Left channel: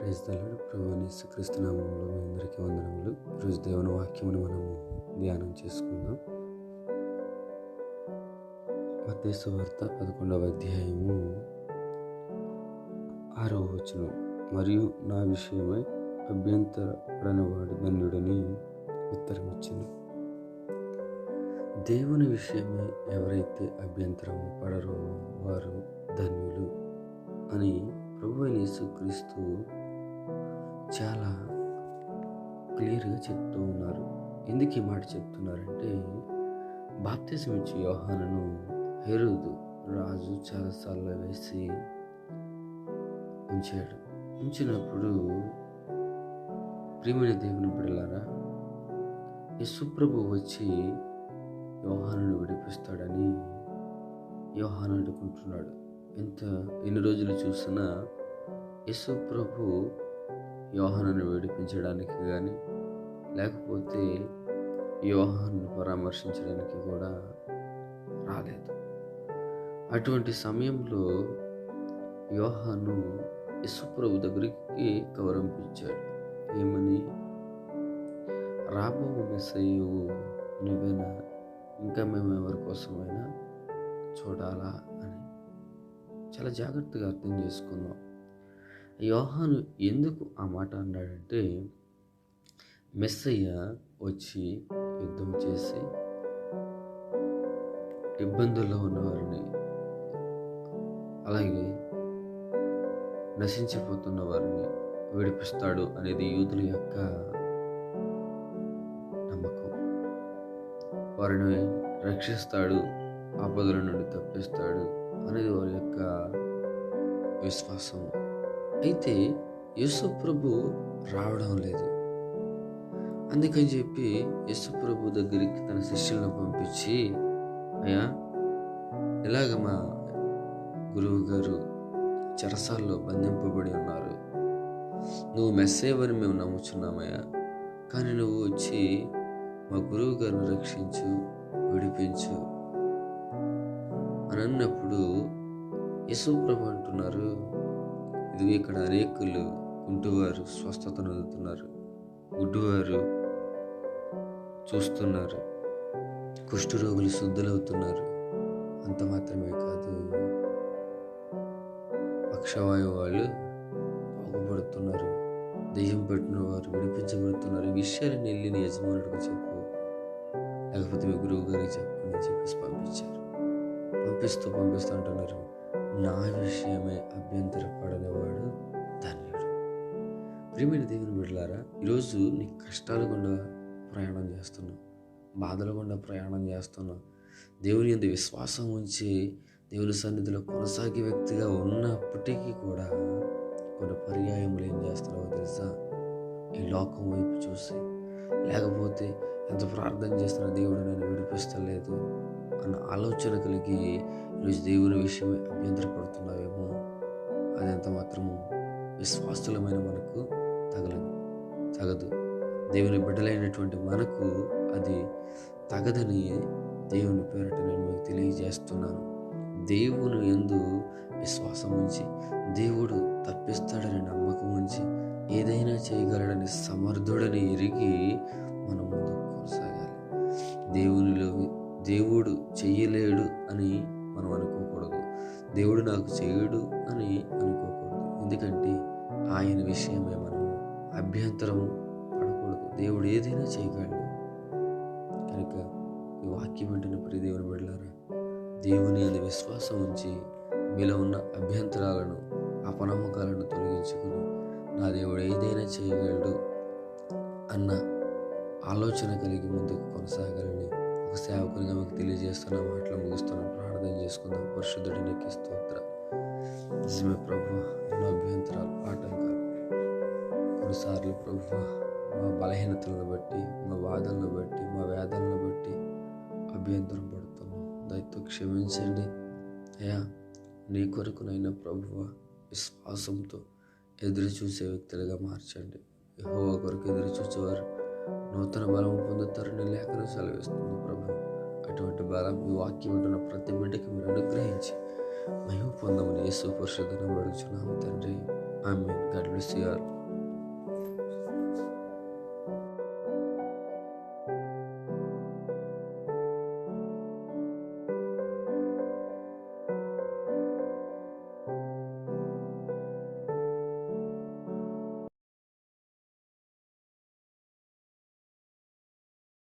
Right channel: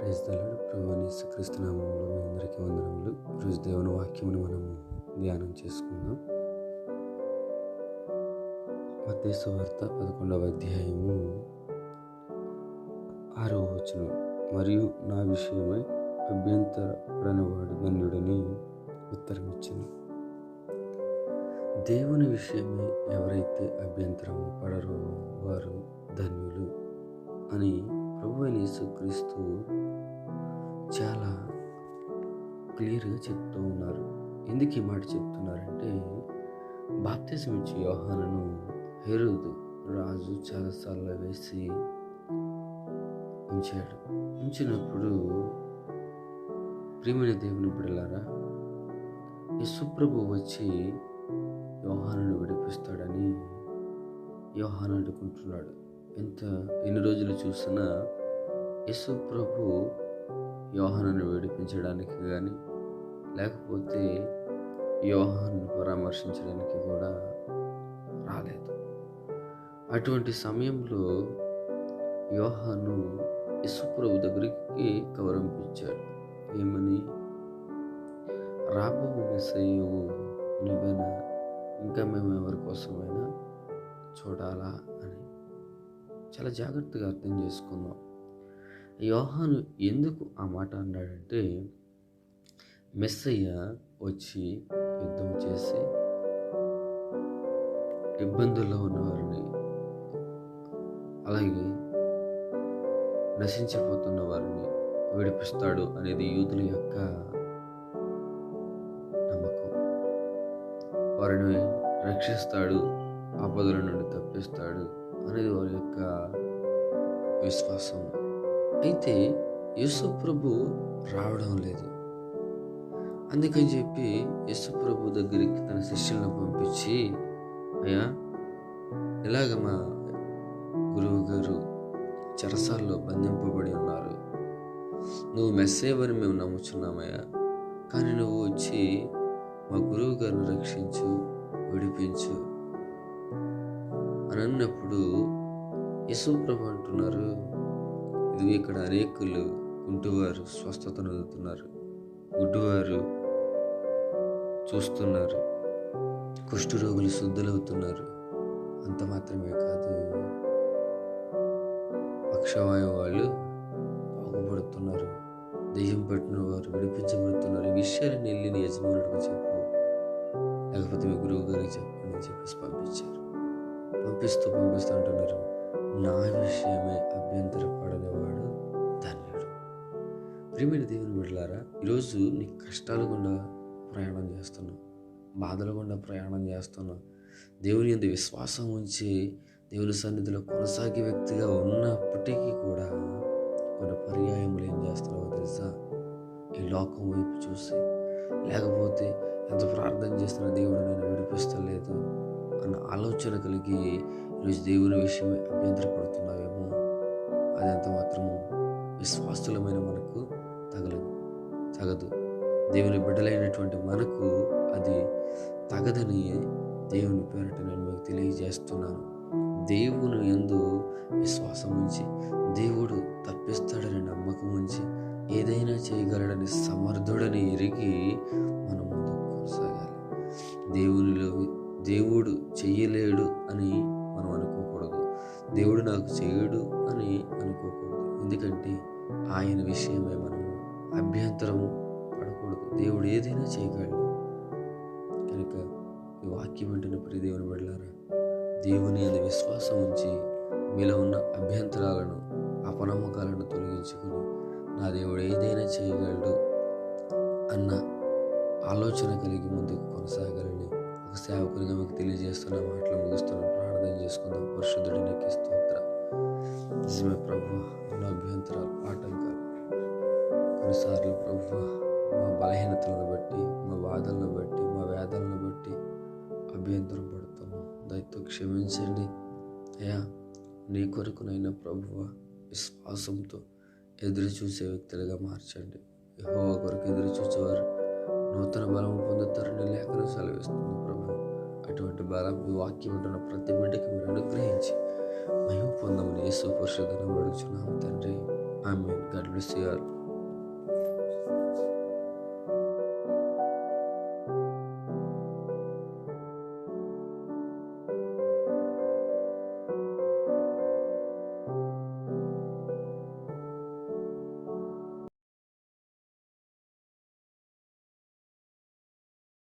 Praise the lord. ప్రభువైన యేసుక్రీస్తు నామములో మీ అందరికీ వందనములు. ఈరోజు దేవుని వాక్యమును మనము ధ్యానం చేసుకుందాం. మత్తయి సువార్త 11వ అధ్యాయము 6వ వచనం. మరియు నా విషయమై అభ్యంతరపడనివాడు ధన్యుడని ఉత్తరమిచ్చెను. దేవుని విషయమై ఎవరైతే అభ్యంతరము పడరో వారు ధన్యులు అని ప్రభువైన యేసుక్రీస్తు చాలా క్లియర్గా చెప్తూ ఉన్నారు. ఎందుకు ఈ మాట చెప్తున్నారంటే, బాప్తిజం ఇచ్చే యోహానును హెరోదు రాజు చాలాసార్లు వేసి ఉంచినప్పుడు, ప్రియమైన దేవుని బిడ్డలారా, యేసు ప్రభు వచ్చి యోహానును విడిపిస్తాడని యోహాను అనుకుంటున్నాడు. ఎన్ని రోజులు చూసినా యేసు ప్రభు యోహానును విడిపించడానికి కానీ, లేకపోతే యోహానును పరామర్శించడానికి కూడా రాలేదు. అటువంటి సమయంలో యోహాను యేసు ప్రభు దగ్గరికి కవరంపించాడు. ఏమని? రాబో మెస్సయ్యవు నువ్వేనా, ఇంకా మేము ఎవరి కోసమైనా చూడాలా అని. చాలా జాగ్రత్తగా అర్థం చేసుకుందాం. యోహాను ఎందుకు ఆ మాట అన్నాడంటే, మెస్సయ్య వచ్చి యుద్ధం చేసి ఇబ్బందుల్లో ఉన్నవారిని, అలాగే నశించిపోతున్న వారిని విడిపిస్తాడు అనేది యూదుల యొక్క నమ్మకం. వారిని రక్షిస్తాడు, ఆపదల నుండి తప్పిస్తాడు అనేది వారి యొక్క విశ్వాసం. అయితే యేసు ప్రభు రావడం లేదు. అందుకని చెప్పి యేసు ప్రభు దగ్గరికి తన శిష్యులను పంపించి, అయ్యా, ఇలాగ మా గురువు గారు చెరసాల్లో బంధింపబడి ఉన్నారు, నువ్వు మెస్సేవని మేము నమ్ముచున్నామయ్యా, కానీ నువ్వు వచ్చి మా గురువు గారిని రక్షించు, విడిపించు అని అన్నప్పుడు యేసు ప్రభు అంటున్నారు, ఇది ఇక్కడ అనేకులు కుంటివారు స్వస్థతను అందుతున్నారు, గుడ్డివారు చూస్తున్నారు, కుష్ఠరోగులు శుద్ధులవుతున్నారు, అంత మాత్రమే కాదు, పక్షవాయు వాళ్ళు బాగుపడుతున్నారు, దెయ్యం పట్టిన వారు విడిపించబడుతున్నారు. ఈ విషయాలను వెళ్ళి నీ యజమానుడికి చెప్పు, లేకపోతే మీ గురువు గారికి చెప్పండి అని చెప్పేసి పంపిస్తూ అంటున్నారు, నా విషయమే అభ్యంతరపడనివాడు ధన్యుడు. ప్రియమైన దేవుని బిడ్డలారా, ఈరోజు నీ కష్టాలు గుండా ప్రయాణం చేస్తున్నావు, బాధలు గుండా ప్రయాణం చేస్తున్నావు, దేవుని యందు విశ్వాసం ఉంచి దేవుని సన్నిధిలో కొనసాగే వ్యక్తిగా ఉన్నప్పటికీ కూడా కొన్ని పర్యాయములు ఏం చేస్తున్నావో తెలుసా? ఈ లోకం వైపు చూసి, లేకపోతే ఎంత ప్రార్థన చేస్తున్నా దేవుడు నన్ను విడిపిస్తలేదు అన్న ఆలోచన కలిగి ఈరోజు దేవుని విషయమే అభ్యంతరపడుతున్నావేమో, అది ఎంత మాత్రము విశ్వాసులమైన మనకు తగదు. దేవుని బిడ్డలైనటువంటి మనకు అది తగదని దేవుని పేరట నేను మీకు తెలియజేస్తున్నాను. దేవుని యందు విశ్వాసం ఉంచి, దేవుడు తప్పిస్తాడని నమ్మకం ఉంచి, ఏదైనా చేయగలడని సమర్థుడని ఎరిగి మనం ముందుకు కొనసాగాలి. దేవుడు చెయ్యలేడు అని మనం అనుకోకూడదు, దేవుడు నాకు చేయడు అని అనుకోకూడదు. ఎందుకంటే ఆయన విషయమే మనము అభ్యంతరము పడకూడదు. దేవుడు ఏదైనా చేయగలడు. కనుక ఈ వాక్యం వెంటనే ప్రియ దేవుని బిడ్డలారా, దేవుని యందు విశ్వాసం ఉంచి మీలో ఉన్న అభ్యంతరాలను, అపనమ్మకాలను తొలగించుకుని, నా దేవుడు ఏదైనా చేయగలడు అన్న ఆలోచన కలిగి ముందుకు కొనసాగాలని ఒక సేవకునిగా మీకు తెలియజేస్తున్న మాటలు ముగిస్తున్నాను. ప్రార్థన చేసుకుందాం. పరిశుద్ధుడి నీకు స్తోత్రం. నిజమే ప్రభువా, ఎన్నో అభ్యంతరాలు, ఆటంకాలు, కొన్నిసార్లు ప్రభువా మా బలహీనతలను బట్టి, మా బాధలను బట్టి, మా వేదనలను బట్టి అభ్యంతరం పడుతున్నాం. దయతో క్షమించండి అయ్యా. నీ కొరకునైనా ప్రభువా విశ్వాసంతో ఎదురు చూసే వ్యక్తులుగా మార్చండి. యెహోవా కొరకు ఎదురు చూసేవారు నూతన బలం పొందుతారని లేఖనం సెలవిస్తుంది ప్రభు. అటువంటి బలం ఈ వాక్యం ఉంటున్న ప్రతి బిడ్డకి మీరు అనుగ్రహించి మహిమ పొందమని యేసు పరిశుద్ధ నామములో అడుగుచున్నాము తండ్రి. ఆమేన్. God bless you all.